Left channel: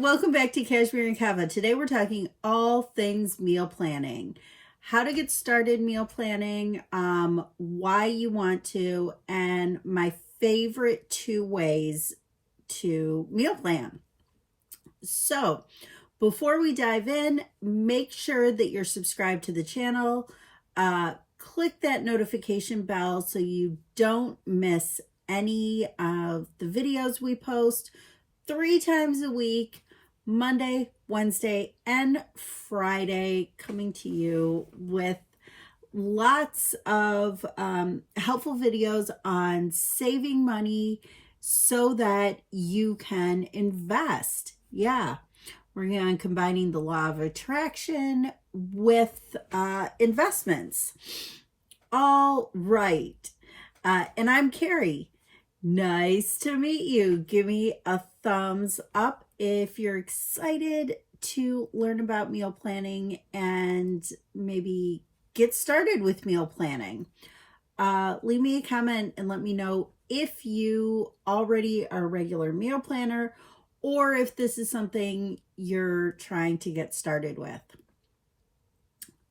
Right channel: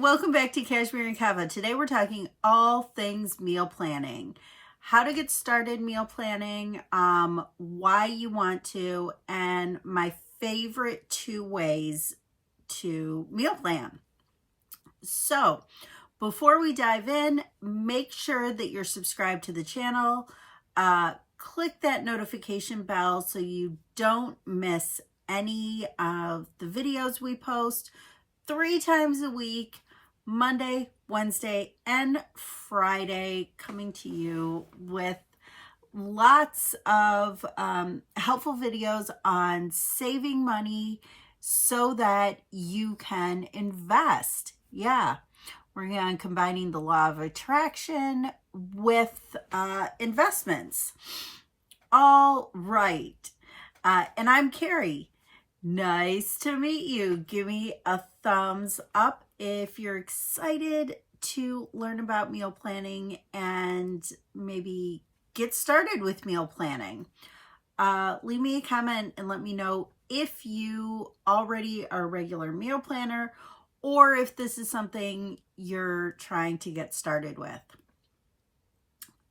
welcome back to Cashmere and Kava. Today we're talking all things meal planning. How to get started meal planning, why you want to, and my favorite 2 ways to meal plan. So, before we dive in, make sure that you're subscribed to the channel. Click that notification bell so you don't miss any of the videos we post 3 times a week, Monday, Wednesday, and Friday, coming to you with lots of helpful videos on saving money so that you can invest. Yeah, we're on combining the law of attraction with investments. All right. And I'm Carrie. Nice to meet you. Give me a thumbs up if you're excited to learn about meal planning and maybe get started with meal planning. Leave me a comment and let me know if you already are a regular meal planner or if this is something you're trying to get started with.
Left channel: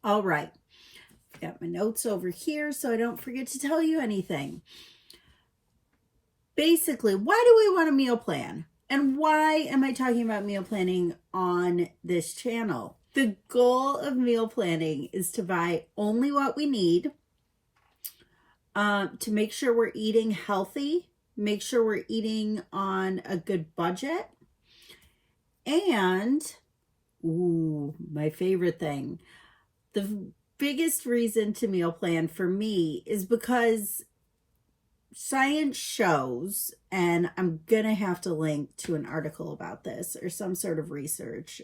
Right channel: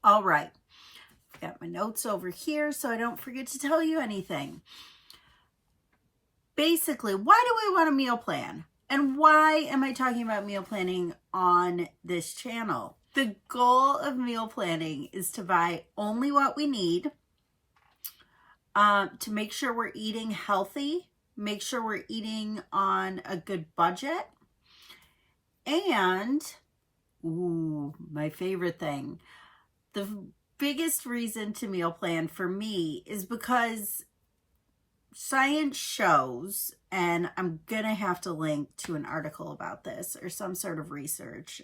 All right. Got my notes over here so I don't forget to tell you anything. Basically, why do we want a meal plan? And why am I talking about meal planning on this channel? The goal of meal planning is to buy only what we need, to make sure we're eating healthy, make sure we're eating on a good budget, and, my favorite thing, the biggest reason to meal plan for me is because science shows, and I'm gonna have to link to an article about this or some sort of research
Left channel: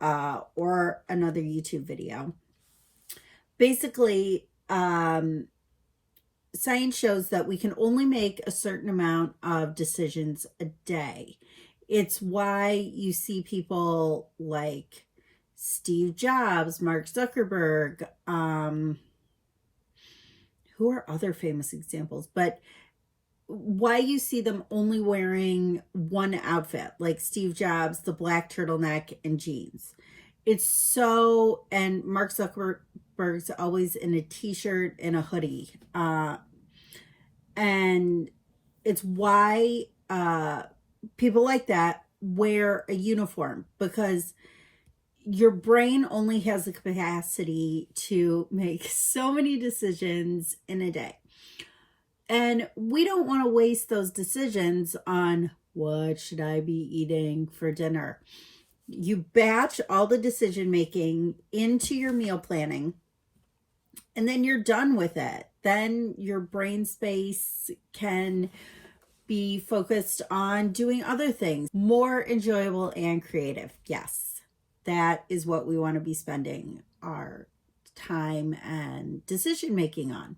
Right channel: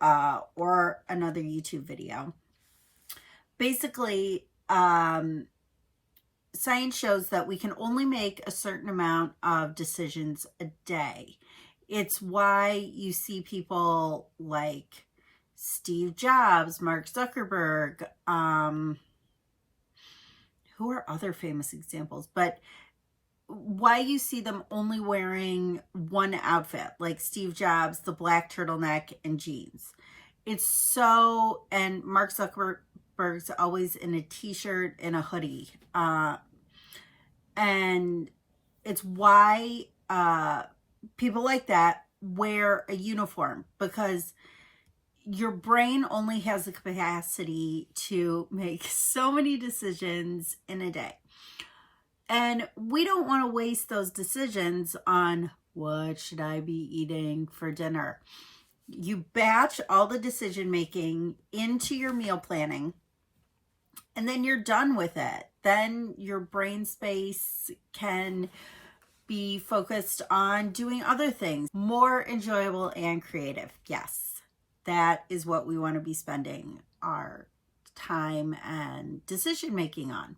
or another YouTube video. Basically, science shows that we can only make a certain amount of decisions a day. It's why you see people like Steve Jobs, Mark Zuckerberg, who are other famous examples, but why you see them only wearing one outfit, like Steve Jobs, the black turtleneck and jeans. It's so, and Mark Zuckerberg's always in a t-shirt and a hoodie. And it's why people like that wear a uniform, because your brain only has the capacity to make so many decisions in a day. And we don't want to waste those decisions on what should I be eating for dinner. You batch all the decision making into your meal planning, and then you're done with it. Then your brain space can be focused on doing other things, more enjoyable and creative. Yes. That is what we want to be spending our time and decision making on.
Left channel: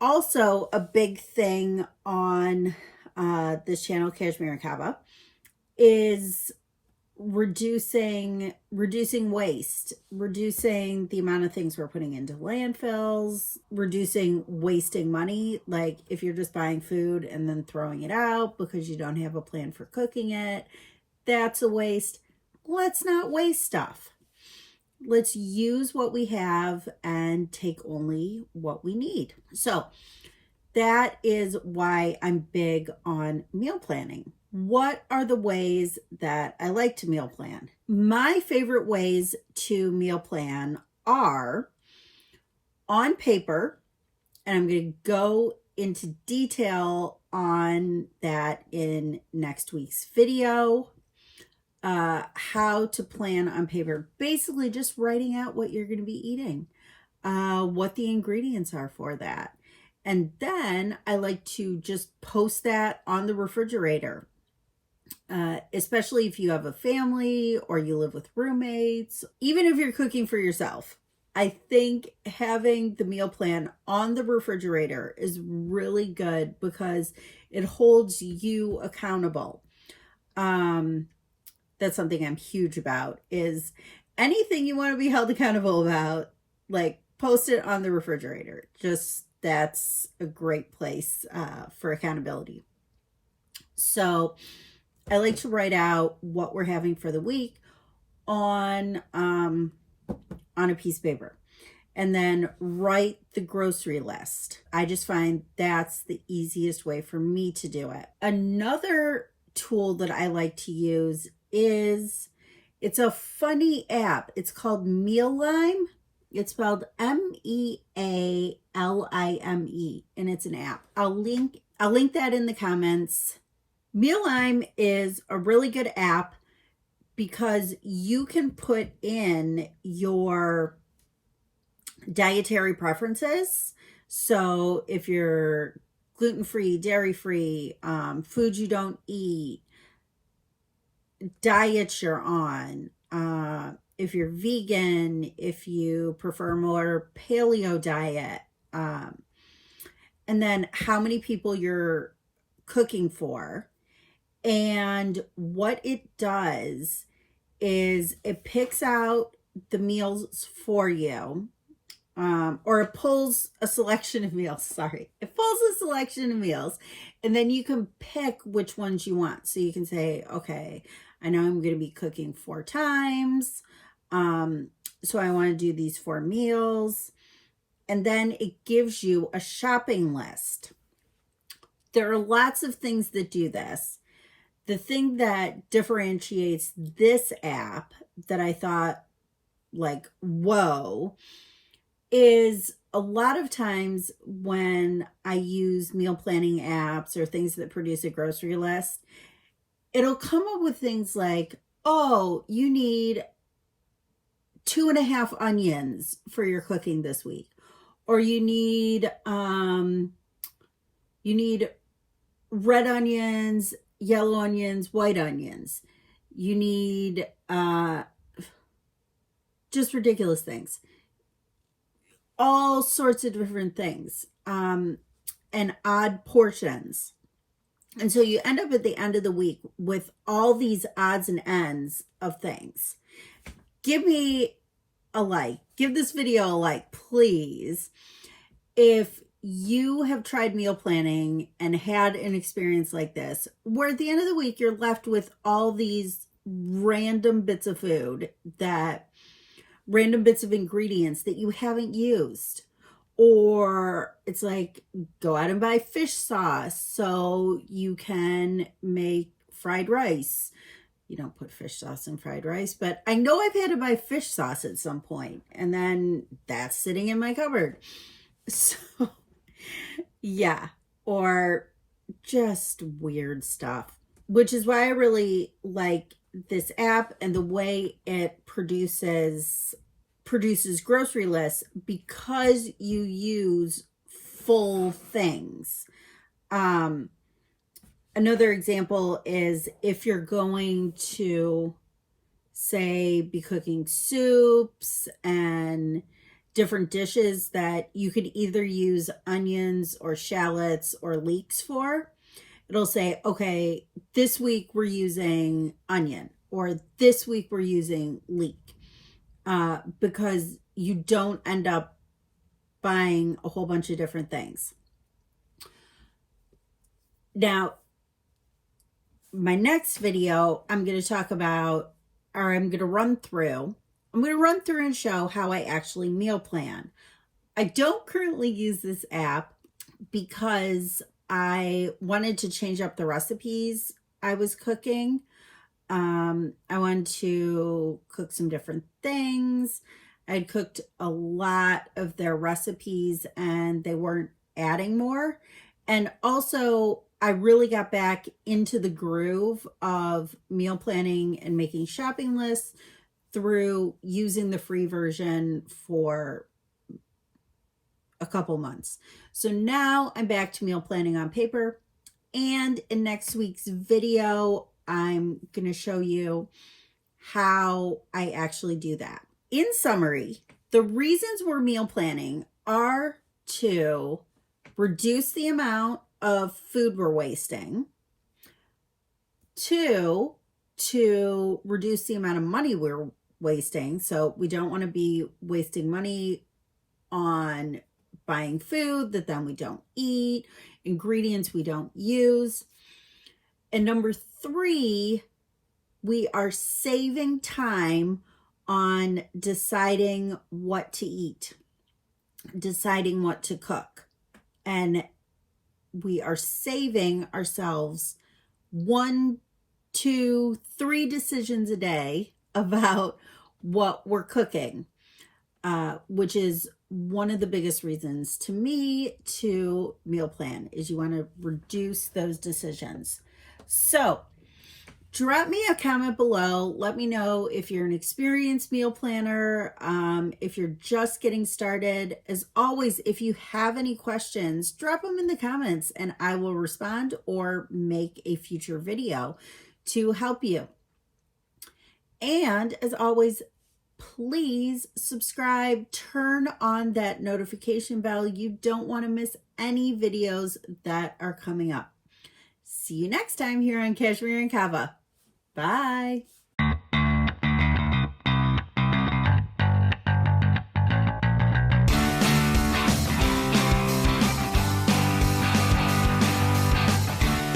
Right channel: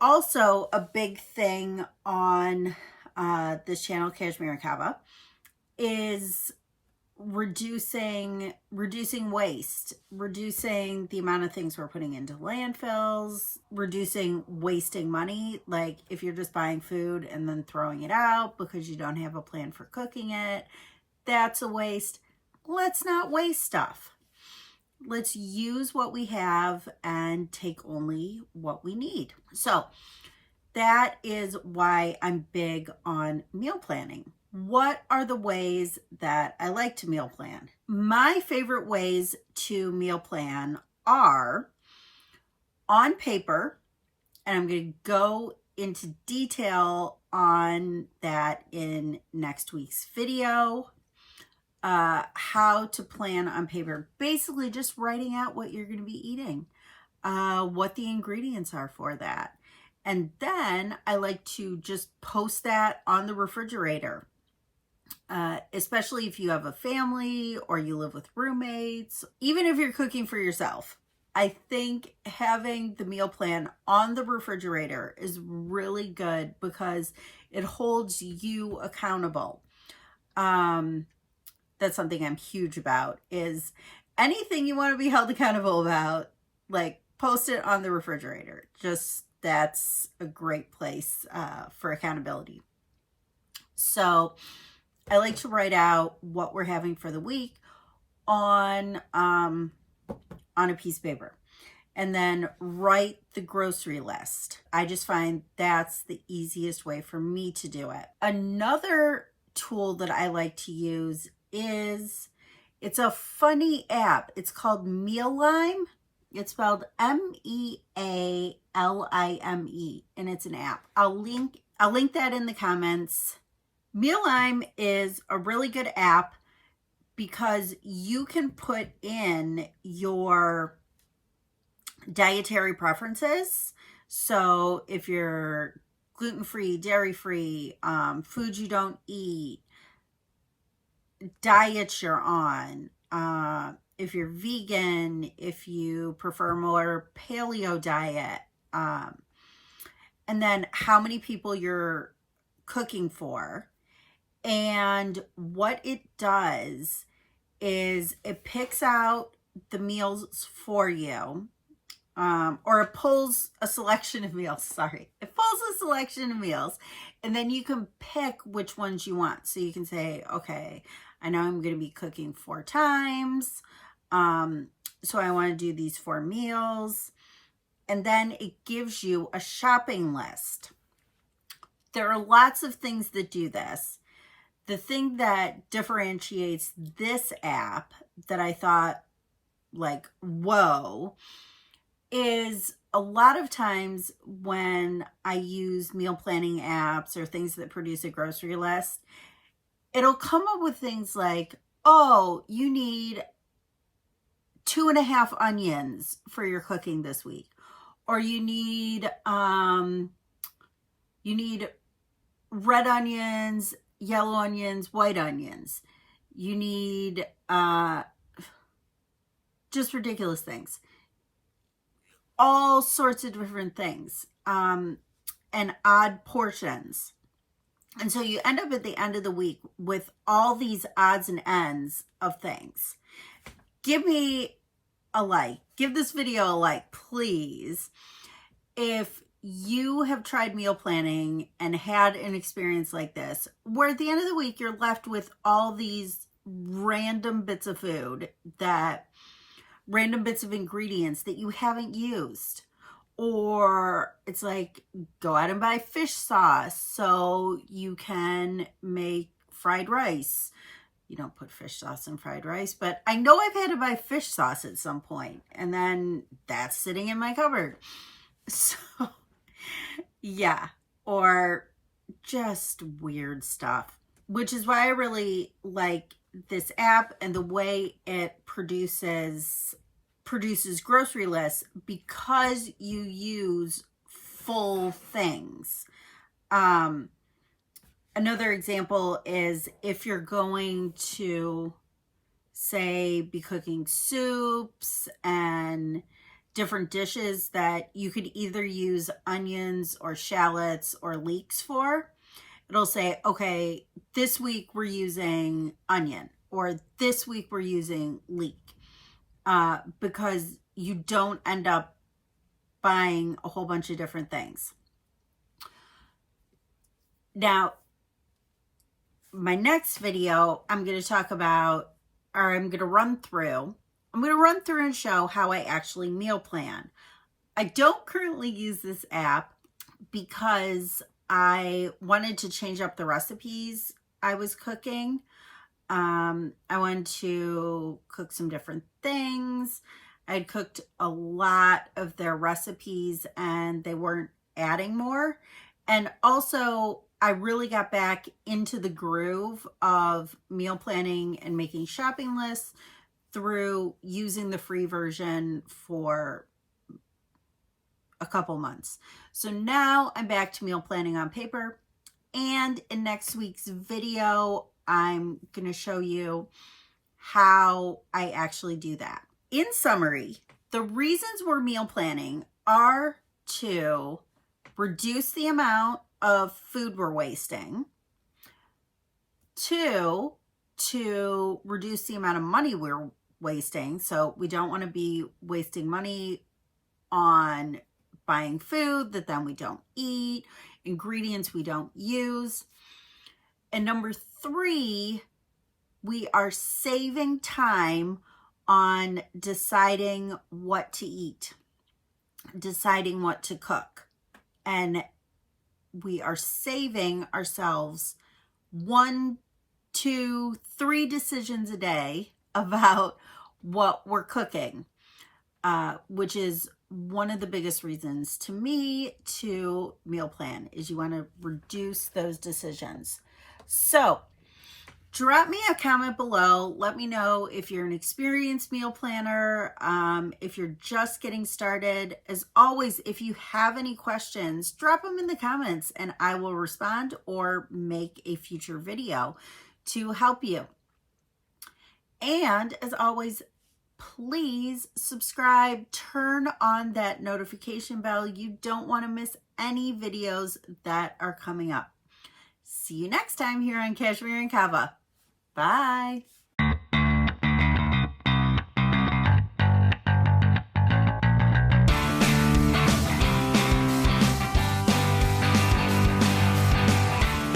Also, a big thing on this channel, Cashmere and Kava, is reducing waste, reducing the amount of things we're putting into landfills, reducing wasting money. Like if you're just buying food and then throwing it out because you don't have a plan for cooking it, that's a waste. Let's not waste stuff. Let's use what we have and take only what we need. So that is why I'm big on meal planning. What are the ways that I like to meal plan? My favorite ways to meal plan are on paper, and I'm going to go into detail on that in next week's video. How to plan on paper, basically just writing out what you're going to be eating, what the ingredients are for that. And then I like to just post that on the refrigerator, especially if you have a family or you live with roommates, even if you're cooking for yourself. I think having the meal plan on the refrigerator is really good because it holds you accountable. That's something I'm huge about, is anything you want to be held accountable about, like post it on the refrigerator. Just that's a great place for accountability. So I like to write out what we're having for the week on a piece of paper, and then write the grocery list. I just find that's the easiest way for me to do it. Another tool that I like to use is, it's a funny app. It's called Mealime. It's spelled Mealime, and it's an app. I'll link that in the comments. Mealime is a really good app because you can put in your dietary preferences. So if you're gluten-free, dairy-free, foods you don't eat, diets you're on, if you're vegan, if you prefer more paleo diet, and then how many people you're cooking for. And what it does is it picks out the meals for you, or it pulls a selection of meals. Sorry, it pulls a selection of meals, and then you can pick which ones you want. So you can say, okay, I know I'm going to be cooking 4 times, so I want to do these 4 meals. And then it gives you a shopping list. There are lots of things that do this. The thing that differentiates this app that I thought, like, whoa, is a lot of times when I use meal planning apps or things that produce a grocery list, it'll come up with things like, oh, you need 2.5 onions for your cooking this week. Or you need red onions, yellow onions, white onions. You need just ridiculous things. All sorts of different things, and odd portions. And so you end up at the end of the week with all these odds and ends of things. Give me a like. Give this video a like, please. If you have tried meal planning and had an experience like this, where at the end of the week, you're left with all these random bits of food, random bits of ingredients that you haven't used. Or it's like, go out and buy fish sauce so you can make fried rice. You don't put fish sauce in fried rice, but I know I've had to buy fish sauce at some point, and then that's sitting in my cupboard. So yeah, or just weird stuff, which is why I really like this app and the way it produces grocery lists, because you use full things. Another example is if you're going to, say, be cooking soups and different dishes that you could either use onions or shallots or leeks for, it'll say, okay, this week we're using onion, or this week we're using leek, because you don't end up buying a whole bunch of different things. Now, my next video, I'm going to talk about, or I'm going to run through and show how I actually meal plan. I don't currently use this app because I wanted to change up the recipes I was cooking. I wanted to cook some different things. I'd cooked a lot of their recipes and they weren't adding more. And also, I really got back into the groove of meal planning and making shopping lists through using the free version for a couple months. So now I'm back to meal planning on paper. And in next week's video, I'm going to show you how I actually do that. In summary, the reasons we're meal planning are to reduce the amount of food we're wasting, 2, to reduce the amount of money we're wasting. So we don't want to be wasting money on buying food that then we don't eat, ingredients we don't use. And number 3, we are saving time on deciding what to eat, deciding what to cook. And we are saving ourselves 1, 2, 3 decisions a day about what we're cooking, which is one of the biggest reasons to me to meal plan, is you want to reduce those decisions. So drop me a comment below. Let me know if you're an experienced meal planner, if you're just getting started. As always, if you have any questions, drop them in the comments and I will respond or make a future video to help you. And as always, please subscribe, turn on that notification bell. You don't want to miss any videos that are coming up. See you next time here on Cashmere and Kava. Bye.